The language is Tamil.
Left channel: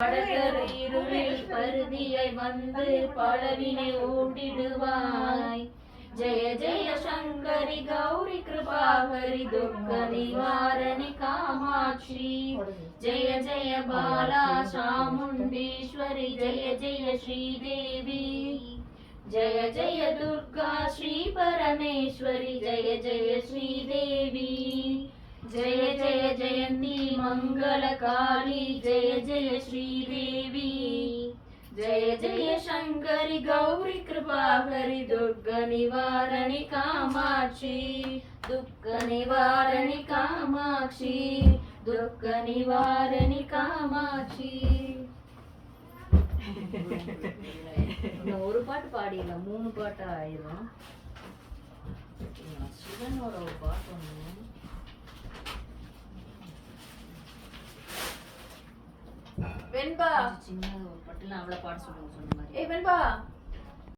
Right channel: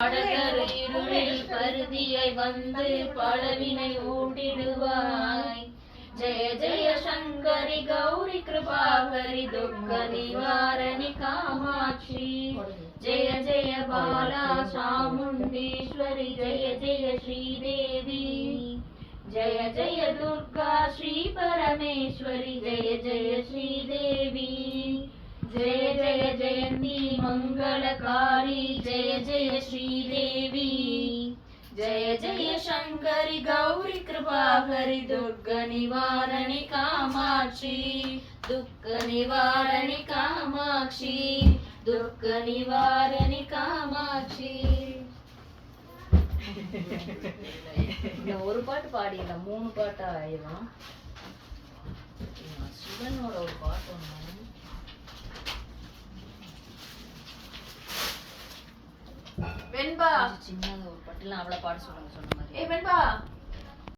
படகரு இருளில் பருதியை வந்து பலவினை ஓடிடுவாய். ஜெய ஜெய சங்கரி கௌரி கிருபாகரி துக்க நிவாரணி காமாட்சி. ஜெய ஜெய பாலா சாமுண்டீஸ்வரி ஜெய ஜெய ஸ்ரீதேவி. ஜெய ஜெய துர்கா ஸ்ரீ பரமேஸ்வரி ஜெய ஜெய ஸ்ரீதேவி. जय जय जयंती मंगल काली जय जय श्रीदेवी. जय जय शंकरी गौरी कृपाकरी दुर्ग निवारणी कामाक्षी. दुःख निवारणी कामाक्षी दुःख निवारणी कामाक्षी. ஒரு பாட்டு பாடிடல, 3 பாட்டு ஆயிரும். சிவனோட ஒரு பாட்டு ஒண்ணு வெண்பா சின்னது ஒரு பட்டுல அவளை பாட சொல்லுங்க சொன்ன மாதிரி. ஏ வெண்பா